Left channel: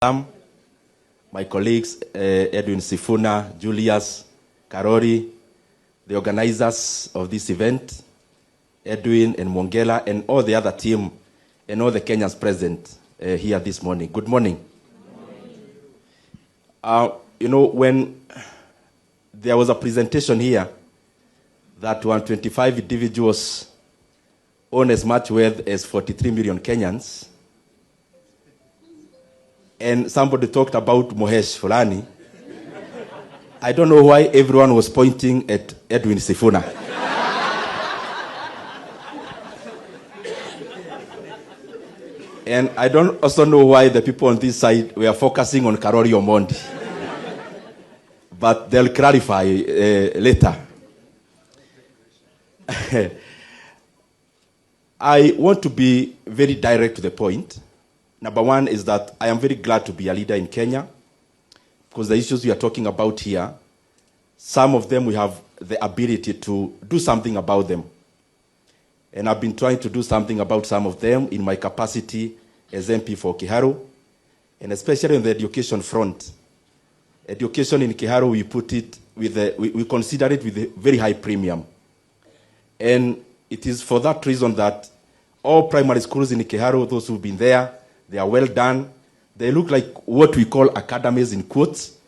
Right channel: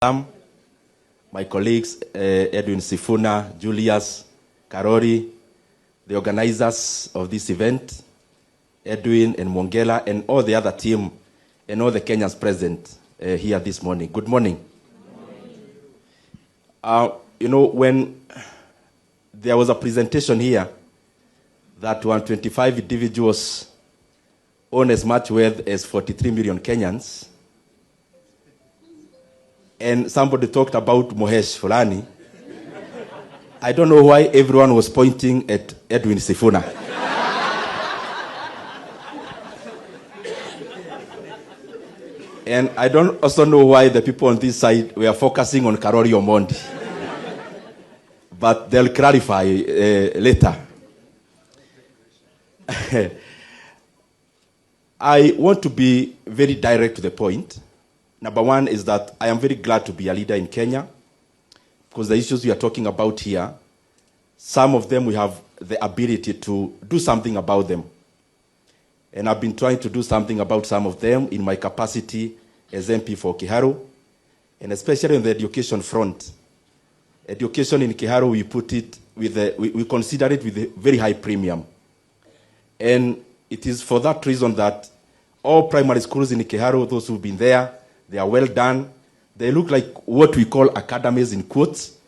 my colleagues, Edwin Sifuna, Julius, Karori, the organizers of this event, Edwin and Mongela, and all the other team, and all the Kenyans present here this morning. Good morning. When there was a presentation here that 125 individuals own as much wealth as 43 million Kenyans, and somebody talked about Mohesh Fulani, I don't know why everyone was pointing at Edwin Sifuna. And I don't also know why the people on this side were focusing on Karori Omondi. But they'll clarify later. I want to be very direct to the point. Number one is that I am very glad to be a leader in Kenya, because the issues we are talking about here, some of them we have the ability to do something about them. And I've been trying to do something about some of them in my capacity as MP for Kiharu, and especially on the education front. Education in Kiharu, we put it we consider it with a very high premium. And it is for that reason that all primary schools in Kiharu, those who've been there, they are well done. They look like what we call academies in quotes.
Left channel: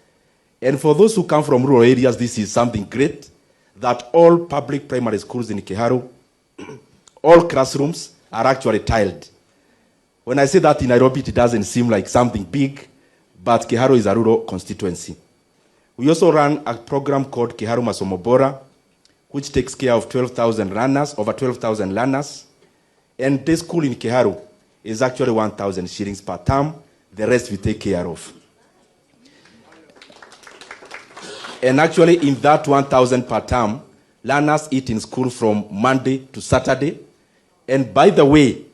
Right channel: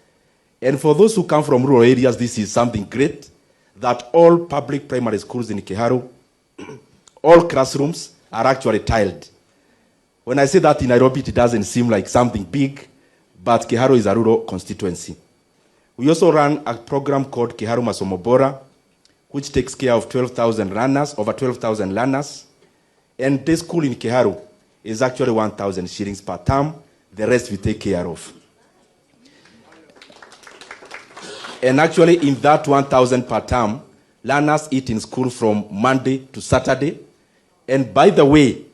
And for those who come from rural areas, this is something great, that all public primary schools in Kiharu, all classrooms are actually tiled. When I say that in Nairobi, it doesn't seem like something big, but Kiharu is a rural constituency. We also run a program called Kiharu Masomo Bora, which takes care of 12,000 learners, over 12,000 learners. And this school in Kiharu is actually 1,000 shillings per term. The rest we take care of. And actually, in that 1,000 per term, learners eat in school from Monday to Saturday. And by the way,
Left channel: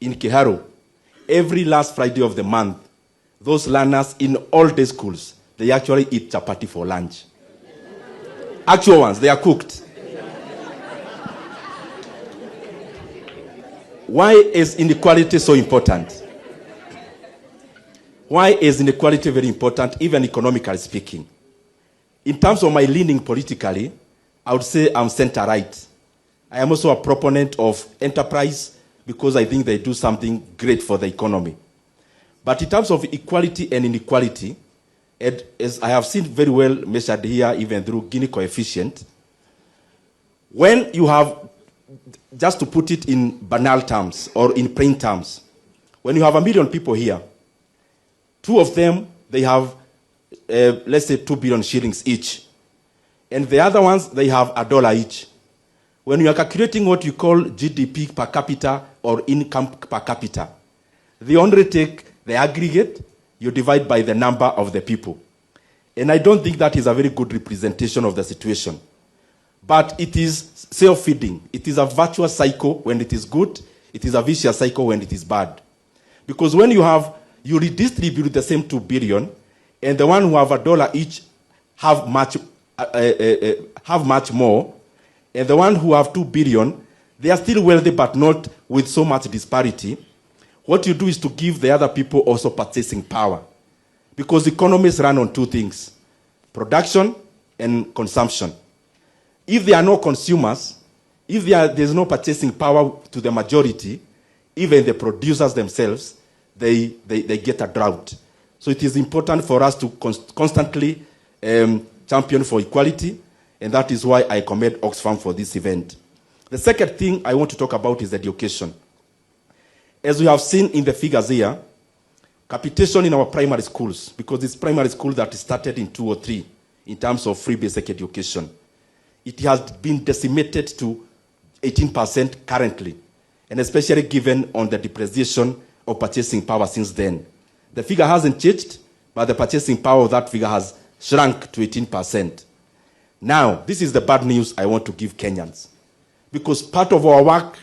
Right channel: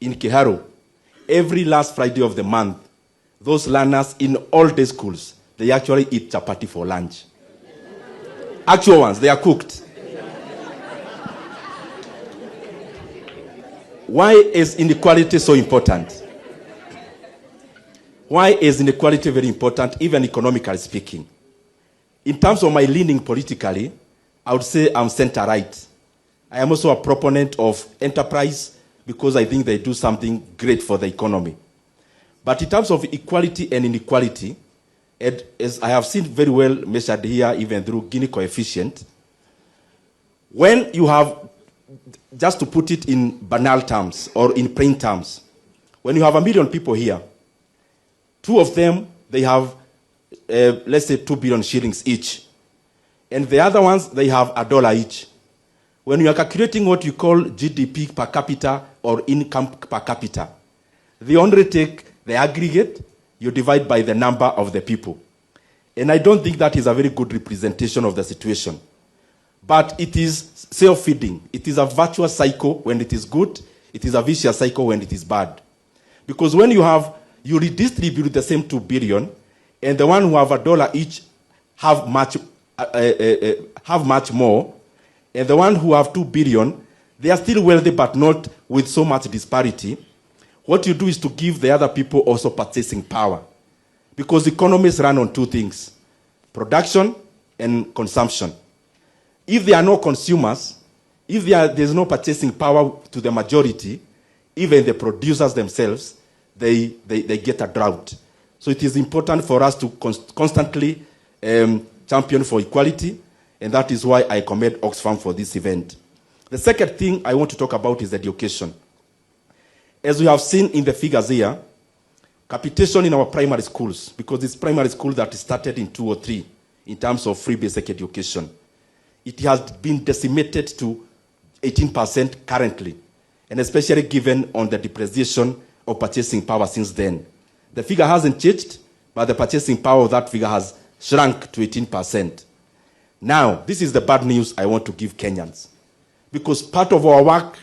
in Kiharu, every last Friday of the month, those learners in all day schools, they actually eat chapati for lunch. Actual ones, they are cooked. Why is inequality so important? Why is inequality very important, even economically speaking? In terms of my leaning politically, I would say I'm center-right. I am also a proponent of enterprise because I think they do something great for the economy. But in terms of equality and inequality, as I have seen very well measured here, even through Gini coefficient, when you have, just to put it in banal terms or in plain terms, when you have 1 million people here, 2 of them, they have, let's say, 2 billion shillings each. And the other ones, they have $1 each. When you are calculating what you call GDP per capita or income per capita, they only take the aggregate, you divide by the number of the people. And I don't think that is a very good representation of the situation. But it is self-feeding. It is a virtuous cycle when it is good. It is a vicious cycle when it is bad. Because when you redistribute the same 2 billion, and the one who have $1 each have much more, and the one who have 2 billion, they are still wealthy but not with so much disparity. What you do is to give the other people also purchasing power. Because economies run on 2 things, production and consumption. If there are no consumers, if there's no purchasing power to the majority, even the producers themselves, they get a drought. So it is important for us to constantly champion for equality, and that is why I commend Oxfam for this event. The second thing I want to talk about is education. As we have seen in the figures here, capitation in our primary schools, because it's primary school that started in 2003 in terms of free basic education, it has been decimated to 18% currently, and especially given on the depreciation of purchasing power since then. The figure hasn't changed, but the purchasing power of that figure has shrunk to 18%. Now, this is the bad news I want to give Kenyans, because part of our work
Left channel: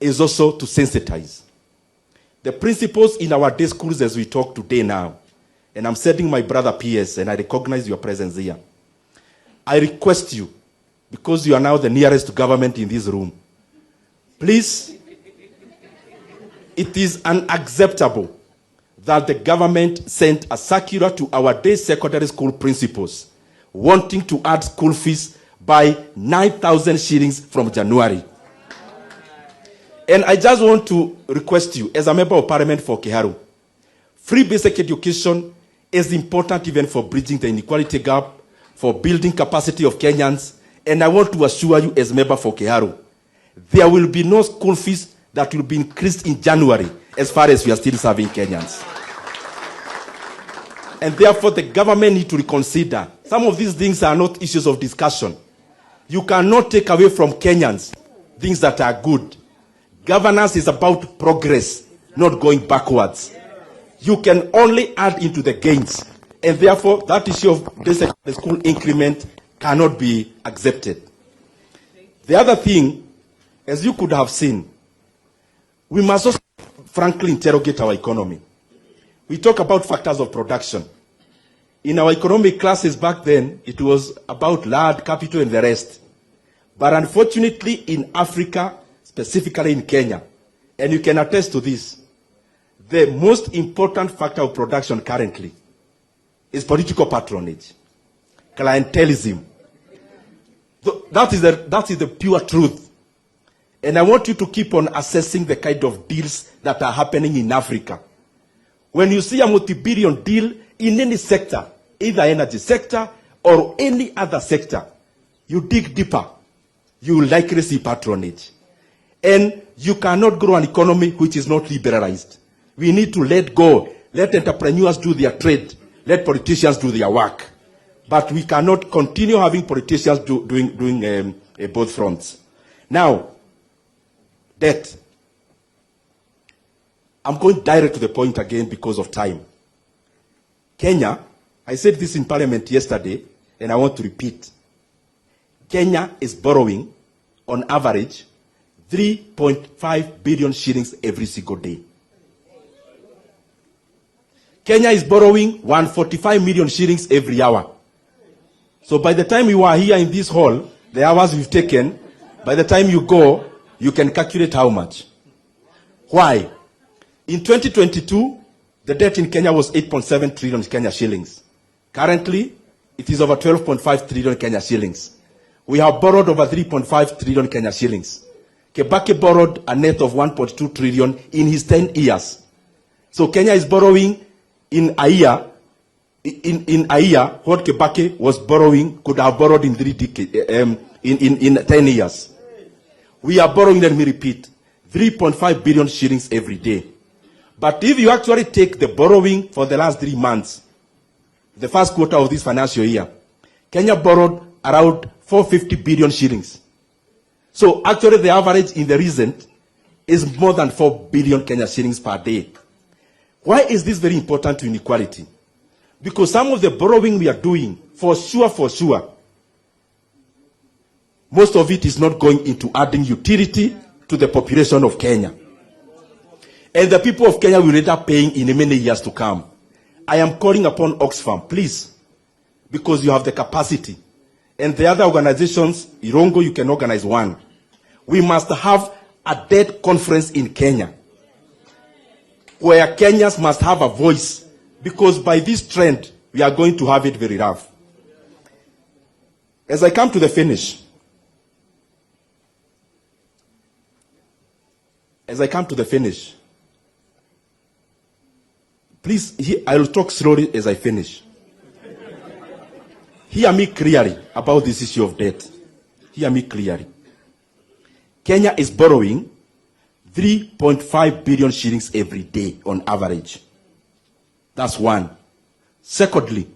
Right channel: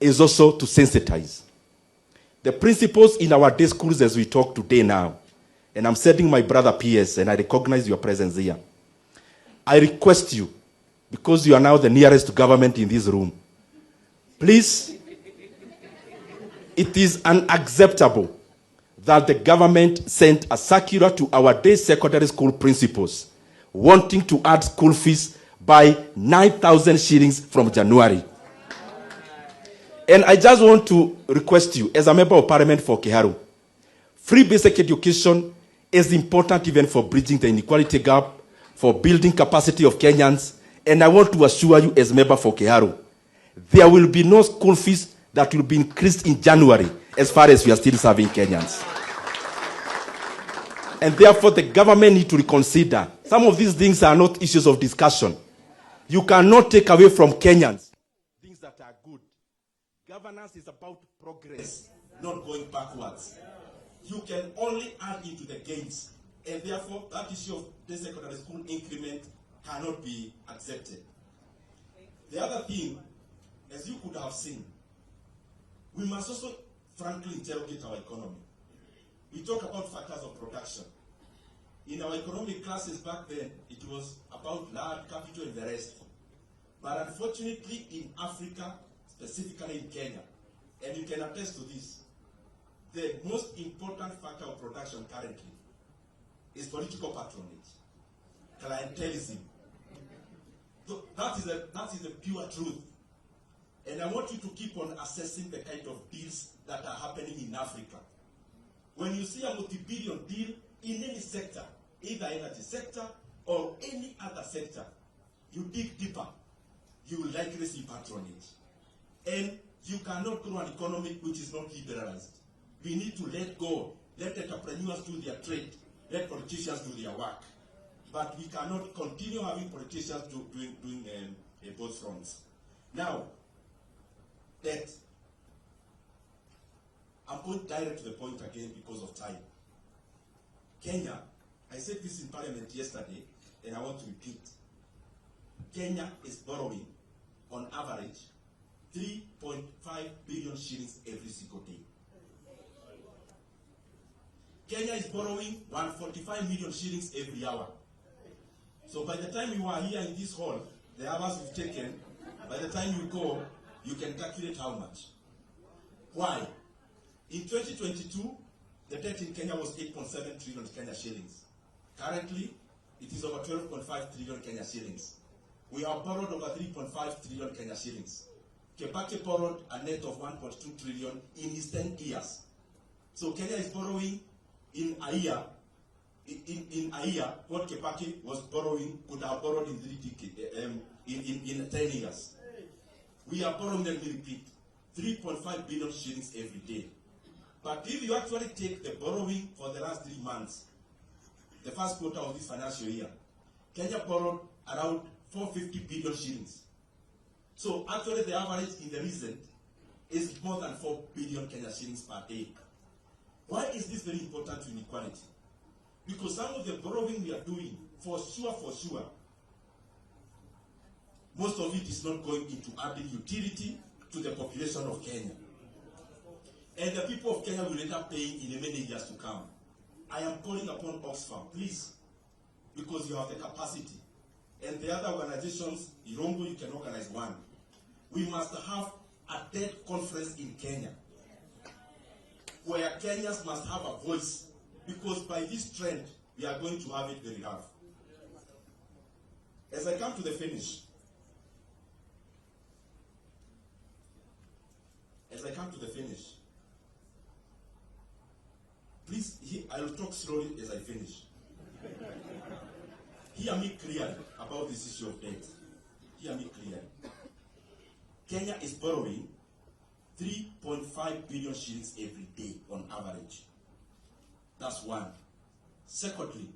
is also to sensitize. The principals in our day schools as we talk today now, and I'm sending my brother PS, and I recognize your presence here. I request you, because you are now the nearest to government in this room, please, it is unacceptable that the government sent a circular to our day secondary school principals wanting to add school fees by 9,000 shillings from January. And I just want to request you, as a member of parliament for Kiharu, free basic education is important even for bridging the inequality gap, for building capacity of Kenyans. And I want to assure you, as member for Kiharu, there will be no school fees that will be increased in January as far as we are still serving Kenyans. And therefore, the government need to reconsider. Some of these things are not issues of discussion. You cannot take away from Kenyans things that are good. Governance is about progress, not going backwards. You can only add into the gains. And therefore, that issue of the school increment cannot be accepted. The other thing, as you could have seen, we must also frankly interrogate our economy. We talk about factors of production. In our economic classes back then, it was about land, capital, and the rest. But unfortunately, in Africa, specifically in Kenya, and you can attest to this, the most important factor of production currently is political patronage, clientelism. That is the pure truth. And I want you to keep on assessing the kind of deals that are happening in Africa. When you see a multi-billion deal in any sector, either energy sector or any other sector, you dig deeper, you will likely see patronage. And you cannot grow an economy which is not liberalized. We need to let go. Let entrepreneurs do their trade. Let politicians do their work. But we cannot continue having politicians doing both fronts. Now, debt. I'm going direct to the point again because of time. Kenya, I said this in Parliament yesterday, and I want to repeat. Kenya is borrowing, on average, 3.5 billion shillings every single day. Kenya is borrowing 145 million shillings every hour. So by the time you are here in this hall, the hours we've taken, by the time you go, you can calculate how much. Why? In 2022, the debt in Kenya was 8.7 trillion Kenya shillings. Currently, it is over 12.5 trillion Kenya shillings. We have borrowed over 3.5 trillion Kenya shillings. Kibaki borrowed a net of 1.2 trillion in his 10 years. So Kenya is borrowing in a year, what Kibaki was borrowing could have borrowed in 10 years. We are borrowing, let me repeat, 3.5 billion shillings every day. But if you actually take the borrowing for the last 3 months, the first quarter of this financial year, Kenya borrowed around 450 billion shillings. So actually the average in the recent is more than 4 billion Kenya shillings per day. Why is this very important to inequality? Because some of the borrowing we are doing, for sure, most of it is not going into adding utility to the population of Kenya. And the people of Kenya will end up paying in many years to come. I am calling upon Oxfam, please, because you have the capacity. And the other organizations, Irongo, you can organize one. We must have a debt conference in Kenya, where Kenyans must have a voice, because by this trend, we are going to have it very rough. As I come to the finish, please, I will talk slowly as I finish. Hear me clearly about this issue of debt. Hear me clearly. Kenya is borrowing 3.5 billion shillings every day on average. That's one. Secondly,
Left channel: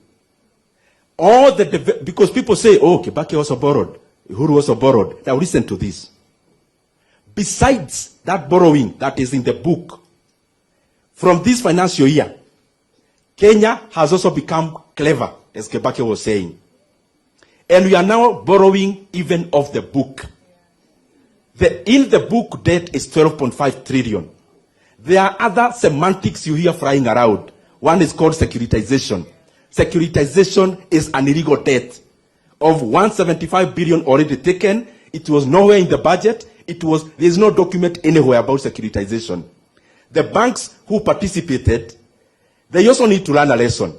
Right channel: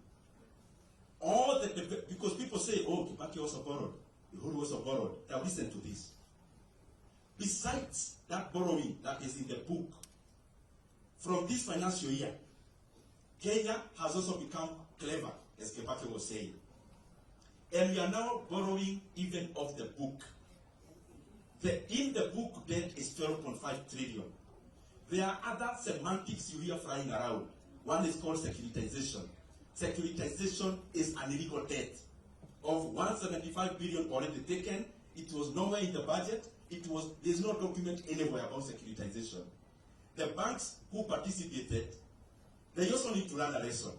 because people say, oh, Kibaki also borrowed, Uhuru also borrowed. Now listen to this. Besides that borrowing that is in the book, from this financial year, Kenya has also become clever, as Kibaki was saying. And we are now borrowing even off the book. In the book debt is 12.5 trillion. There are other semantics you hear flying around. One is called securitization. Securitization is an illegal debt of 175 billion already taken. It was nowhere in the budget. There is no document anywhere about securitization. The banks who participated they also need to learn a lesson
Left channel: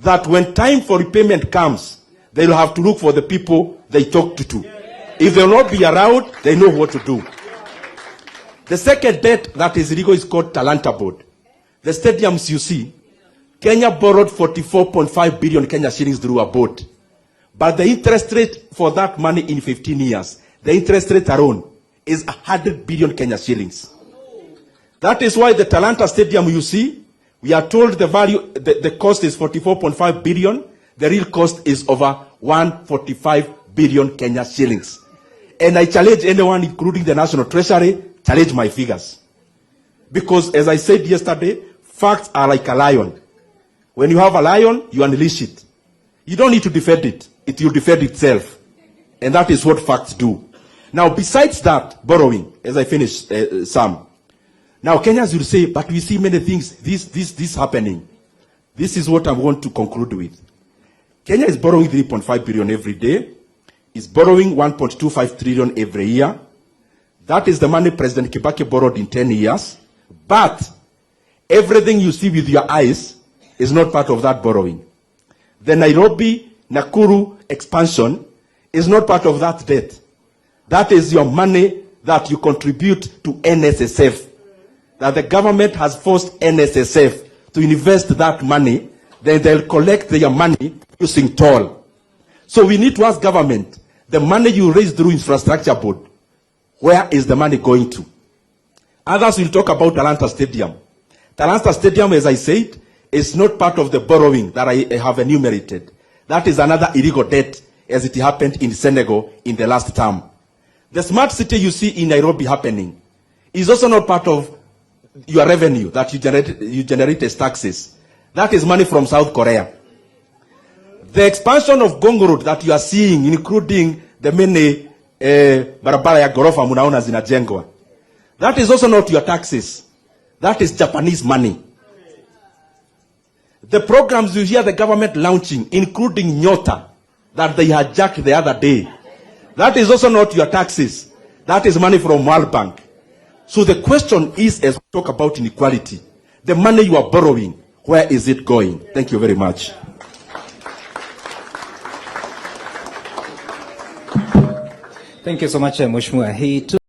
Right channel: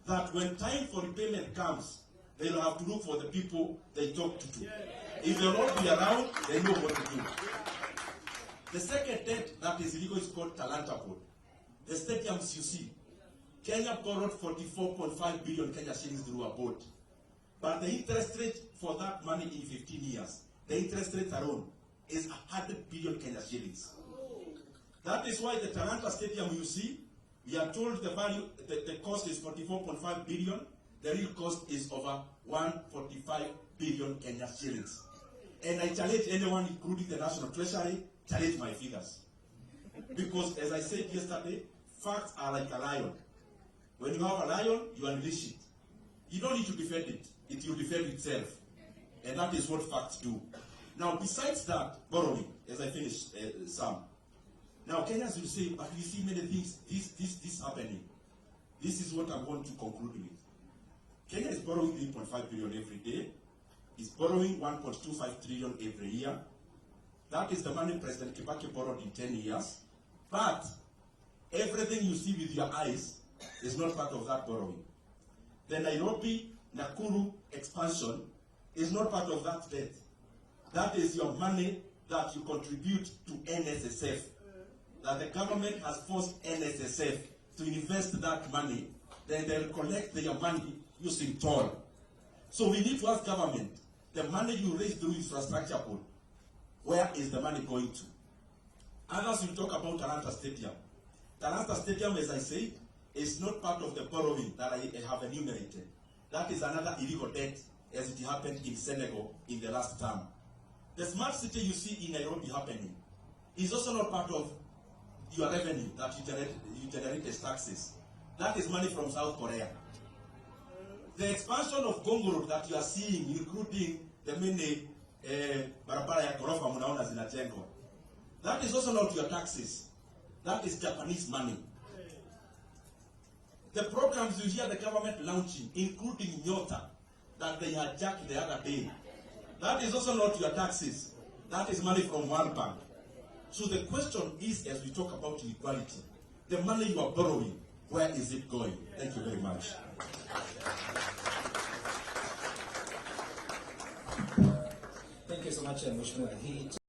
that when time for repayment comes, they will have to look for the people they talked to. If they will not be around, they know what to do. The second debt that is illegal is called Talanta Board. The stadiums you see, Kenya borrowed 44.5 billion Kenya shillings through a board. But the interest rate for that money in 15 years, the interest rate alone is 100 billion Kenya shillings. That is why the Talanta Stadium you see, we are told the value, the cost is 44.5 billion. The real cost is over 145 billion Kenya shillings. And I challenge anyone, including the National Treasury, challenge my figures. Because as I said yesterday, facts are like a lion. When you have a lion, you unleash it. You don't need to defend it. It will defend itself. And that is what facts do. Now, besides that, borrowing, as I finish, Sam. Now, Kenyans will say, but we see many things, this happening. This is what I want to conclude with. Kenya is borrowing 3.5 billion every day. Is borrowing 1.25 trillion every year. That is the money President Kibaki borrowed in 10 years. But everything you see with your eyes is not part of that borrowing. The Nairobi-Nakuru expansion is not part of that debt. That is your money that you contribute to NSSF. That the government has forced NSSF to invest that money, then they'll collect their money using toll. So we need to ask government, the money you raise through infrastructure board, where is the money going to? Others will talk about Talanta Stadium. Talanta Stadium, as I said, is not part of the borrowing that I have enumerated. That is another illegal debt, as it happened in Senegal in the last term. The smart city you see in Nairobi happening is also not part of your revenue that you generate as taxes. That is money from South Korea. The expansion of Gongo Road that you are seeing, including the many barabara ya gorofa munaona zinajengwa, that is also not your taxes. That is Japanese money. The programs you hear the government launching, including Nyota, that they hijacked the other day, that is also not your taxes. That is money from World Bank. So the question is, as we talk about inequality, the money you are borrowing, where is it going? Thank you very much. Thank you so much, Mheshimiwa.